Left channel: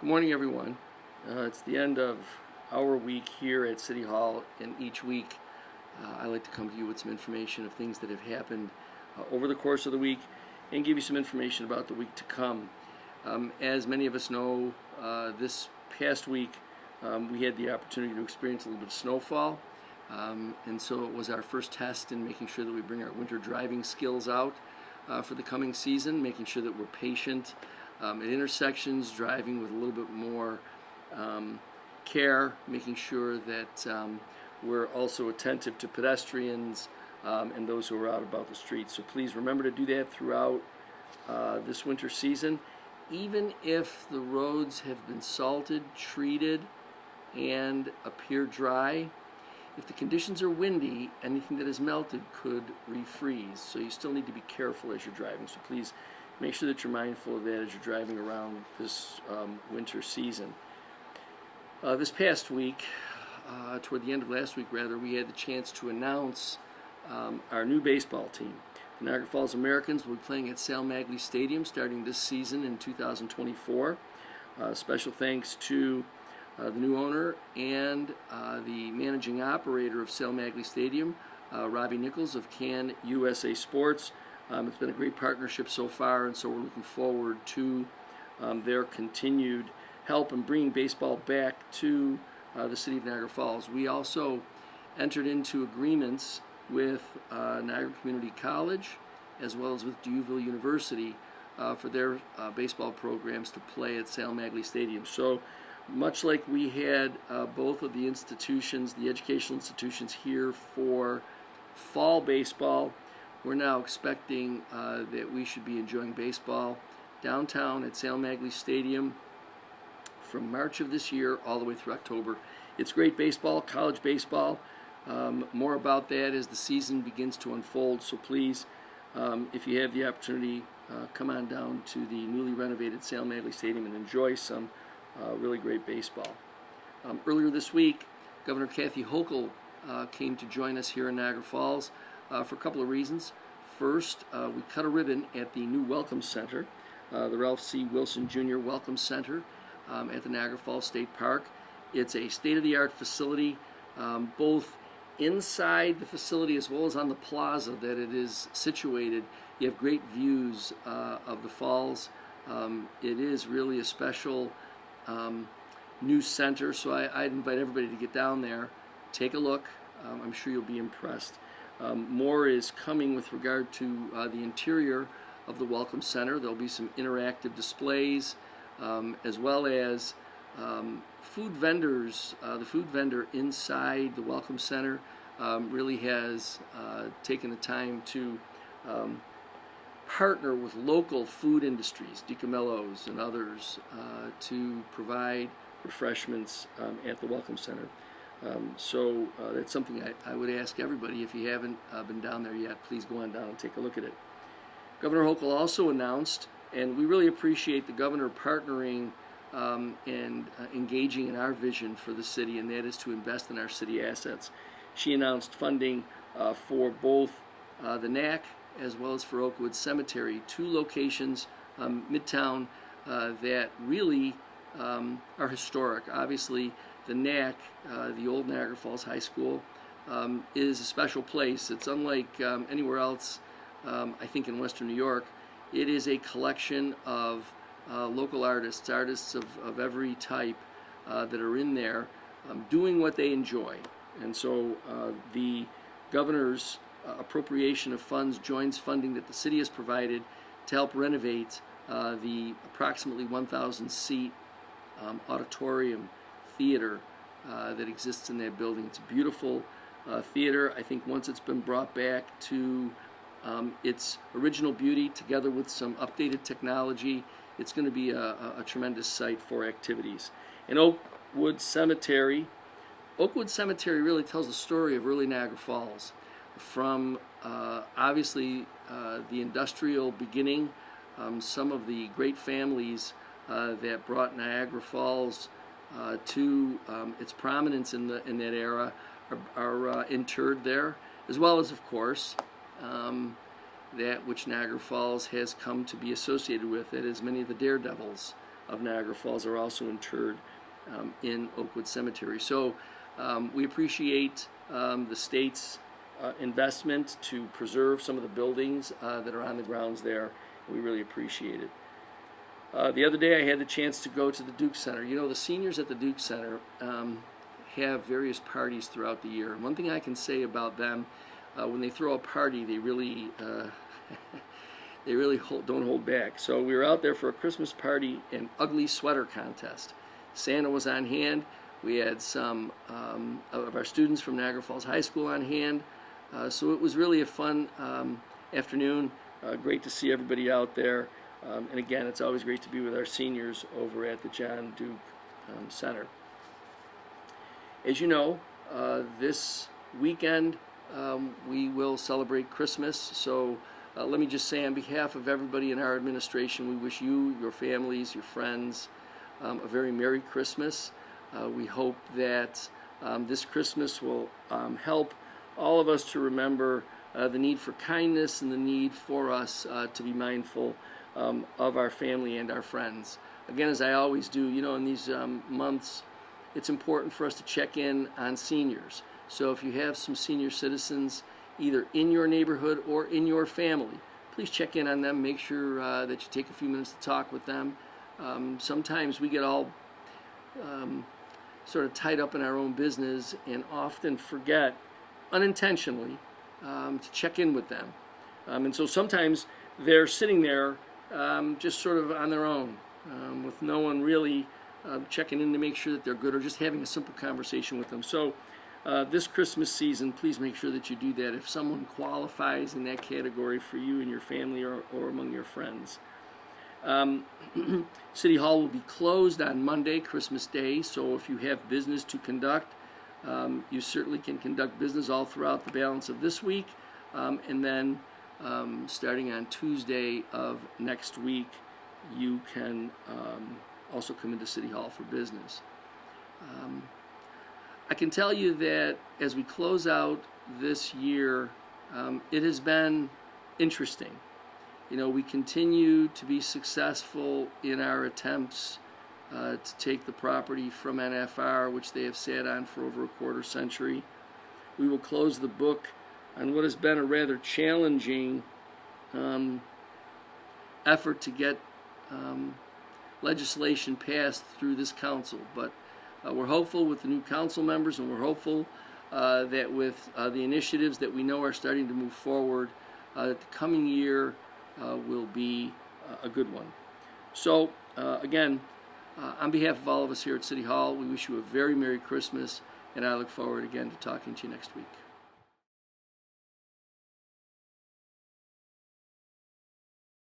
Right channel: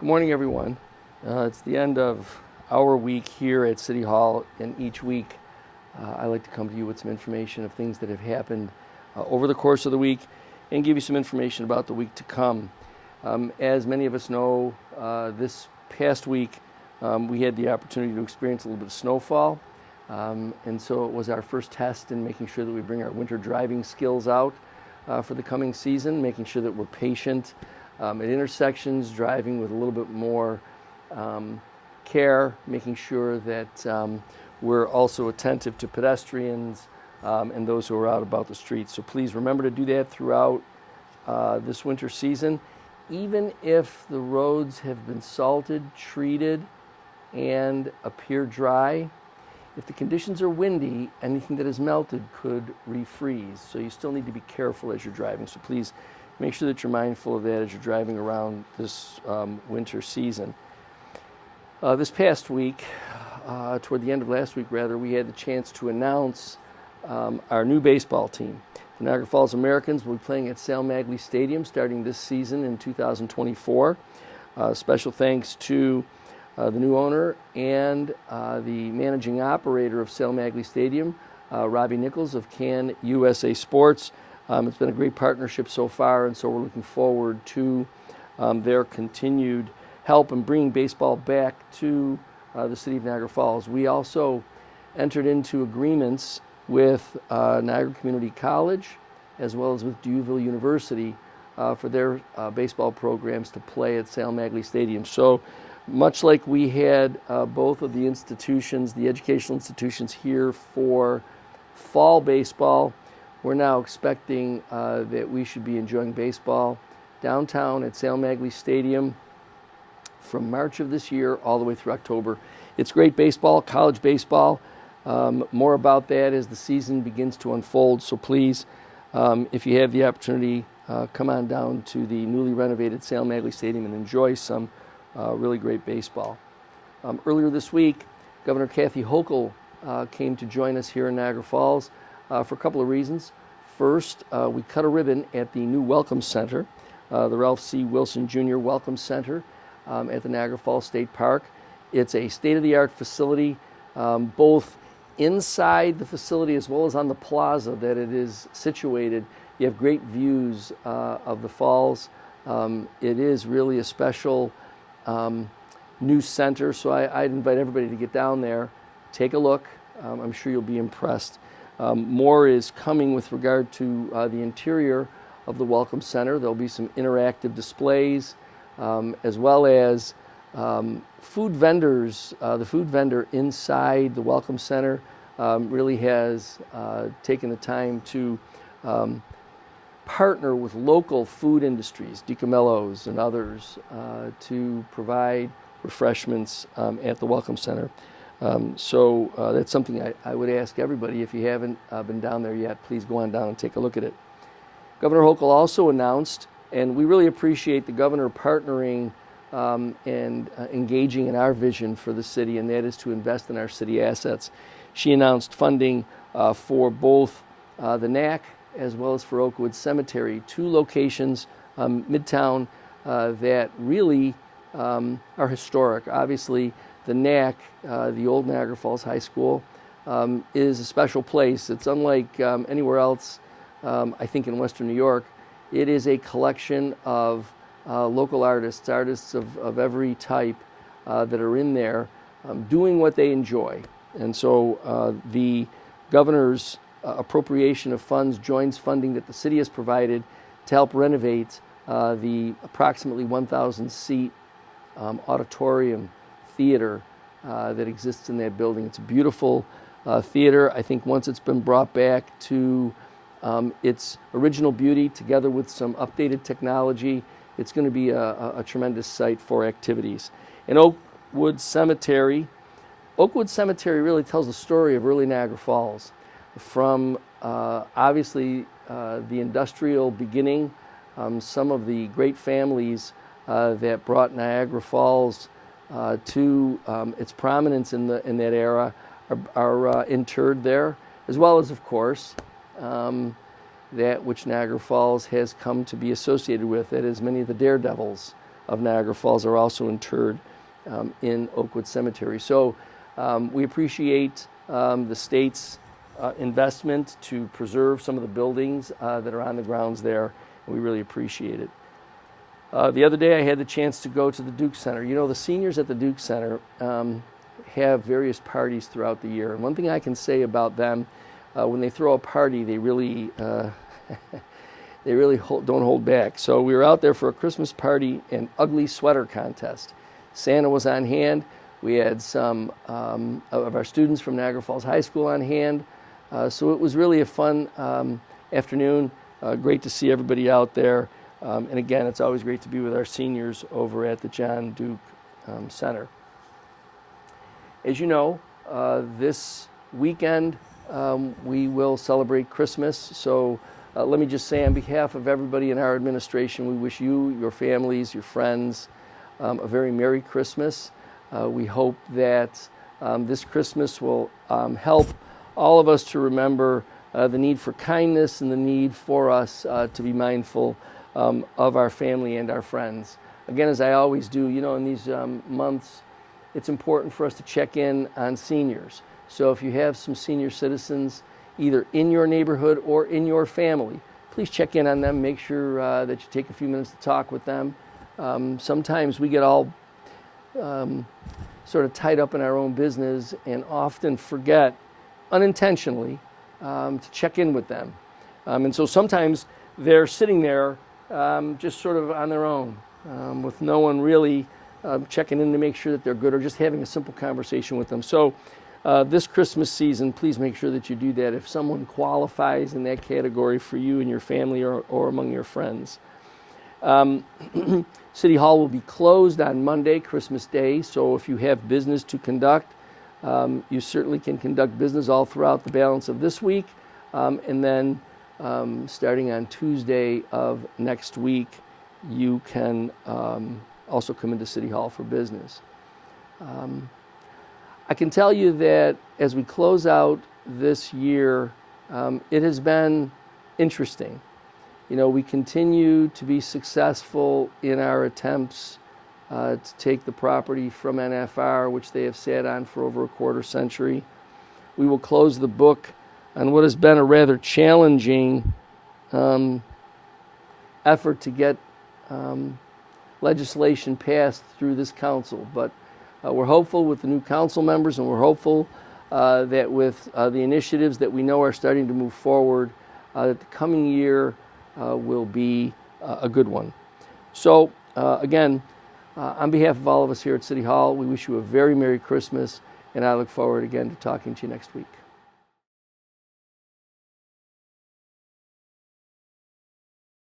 Good morning, everyone. It's the end of our week here at City Hall, and each week I like to come to you with some information of things that have happened over the course of the week and give you some information about the week to come. As many of us know, this past week we had the opportunity to experience a little bit of snowfall, and so it was our first test in making sure that we bring our winter driving skills out for the coming season, making sure that we're patient at intersections, driving with a little bit more care, making sure that we're also attentive to pedestrians and those who are out about the streets. So please remember to do that throughout this winter season. Even if the roads have been salted, treated, and appear dry, if the conditions are windy, anything that is melted could refreeze. So you still need to be careful as you're driving. So please make sure that you're mindful of that as you're driving around this winter season. This past week, toward the end of last week rather, we had the chance to announce our new baseball team. The Niagara Falls Americans will be playing at Sal Magley Stadium starting this season in 2024. Special thanks to the new owner and the managing operator of Sal Magley Stadium, Robbie Nichols of Can USA Sports. It's been a great partnership so far, and so we're looking forward to their continued help in bringing baseball back to the city of Niagara Falls. We also entered into agreements with Niagara Community College as well as with Duville University for their baseball programs to play at Sal Magley Stadium. So much like we had both of the institutions, the educational institutions here for fall baseball, we're now expecting that we should be enjoying baseball downtown at Sal Magley Stadium from March of this year all the way through October. It's great baseball, college baseball. More about that as the season begins to unfold. So please, if you have the opportunity, come on down to the newly renovated Sal Magley Stadium and enjoy some really great baseball. Earlier this week, Governor Kathy Hochul came to join us here in Niagara Falls for a couple of reasons. First, we cut a ribbon at the new Welcome Center, the Ralph C. Wilson Jr. Welcome Center at the Niagara Falls State Park. It's a state-of-the-art facility, both inside the facility as well as on the plaza that it is situated. You have great views of the falls. It is really a special new center, so I'd invite everybody to get down there, take a look. I'm sure you'll be impressed. More is coming with regard to the interior of the Welcome Center. There'll be some interactive displays as well as food vendors. The food vendor inside the Welcome Center really has taken the time to partner with local food industries, DiCamello's and others, to provide refreshments at the Welcome Center. So that's something I would ask everybody, if you haven't been down there yet, please go on down and take a look at it. Governor Hochul also announced, and we really appreciate the governor partnering and engaging in our vision for the city, and that is to invest in our city assets. She announced funding for both the NAC as well as for Oakwood Cemetery, two locations midtown that really are historic. Obviously, the NAC, the old Niagara Falls High School, is a special place. It's unlike anywhere else, I think, in Western New York. It is a collection of local artists of every type that are in there doing what they enjoy. And so the governor's appropriation of funds joins funding that the city has provided to help renovate the approximately 1,000-seat auditorium theater that exists in that building. It's a beautiful theater. I think once it's been brought back to its original beauty, together with some updated technology, it's going to be a tremendous site for activities. And Oakwood Cemetery really tells the story of early Niagara Falls, from obviously the industrial beginning. Some of the great families that brought Niagara Falls to its prominence in that era are interred there, as well as, of course, that which Niagara Falls has come to be associated with. That is, many of the daredevils of Niagara Falls are also interred in Oakwood Cemetery. So we appreciate the state's investment to preserve some of the buildings that are on the grounds there. And we really appreciate it. The other day I had the chance to go to the Duke Center. You know, the seniors at the Duke Center have various parties throughout the year. And one thing I can say about them, when they throw a party, they really don't hold back. So we were out there for a Christmas party and ugly sweater contest. Santa was on hand. We had some of our students from Niagara Falls High School on hand. So it was really a fun afternoon. Great to see everybody out there. And again, it's always great to be with our seniors over at the John Duke Center. As you know, this weekend we will celebrate Christmas. So let me just say on behalf of everybody in our administration, we wish you, your families, your friends, a very Merry Christmas. We hope that this Christmas will help all of us to remember the need for kindness and the need for us to be mindful of our family and our friends. Again, as I always do, you know, in these months, it's important for us to check in on seniors. So if you have some senior citizens, either in your neighborhood or in your family, please check in on them. Make sure that you take a few minutes to talk with them. Sometimes we get all sort of tied up in our own business and often forget, unintentionally, to check in with them. And so sometimes they're sitting there just sort of on their own, with no one really checking in to make sure that they're good or just having a simple conversation with them. So this Christmas season, please make sure that you do that if someone qualifies in that category for you and your family or among your friends. City Hall will be closed on Monday, Christmas Day, so if you have business to conduct, you certainly can conduct business all throughout the balance of this week, and then starting on Tuesday of next week, you can also come into City Hall for business. I can tell you that as we close out this year, it has been interesting. You know, we continue to be successful in our attempts to take the property from NFR, which they have sat on for over a quarter century. We will close the book on what has been a rather challenging effort to get legislation passed through this council. But we're hopeful with the new council members, and we're hopeful that with the initiatives that we know are starting to move forward, that the coming year will be a good one. So, again, on behalf of all of us here at City Hall, we wish you a very Merry Christmas, and I look forward again to talking to you next week.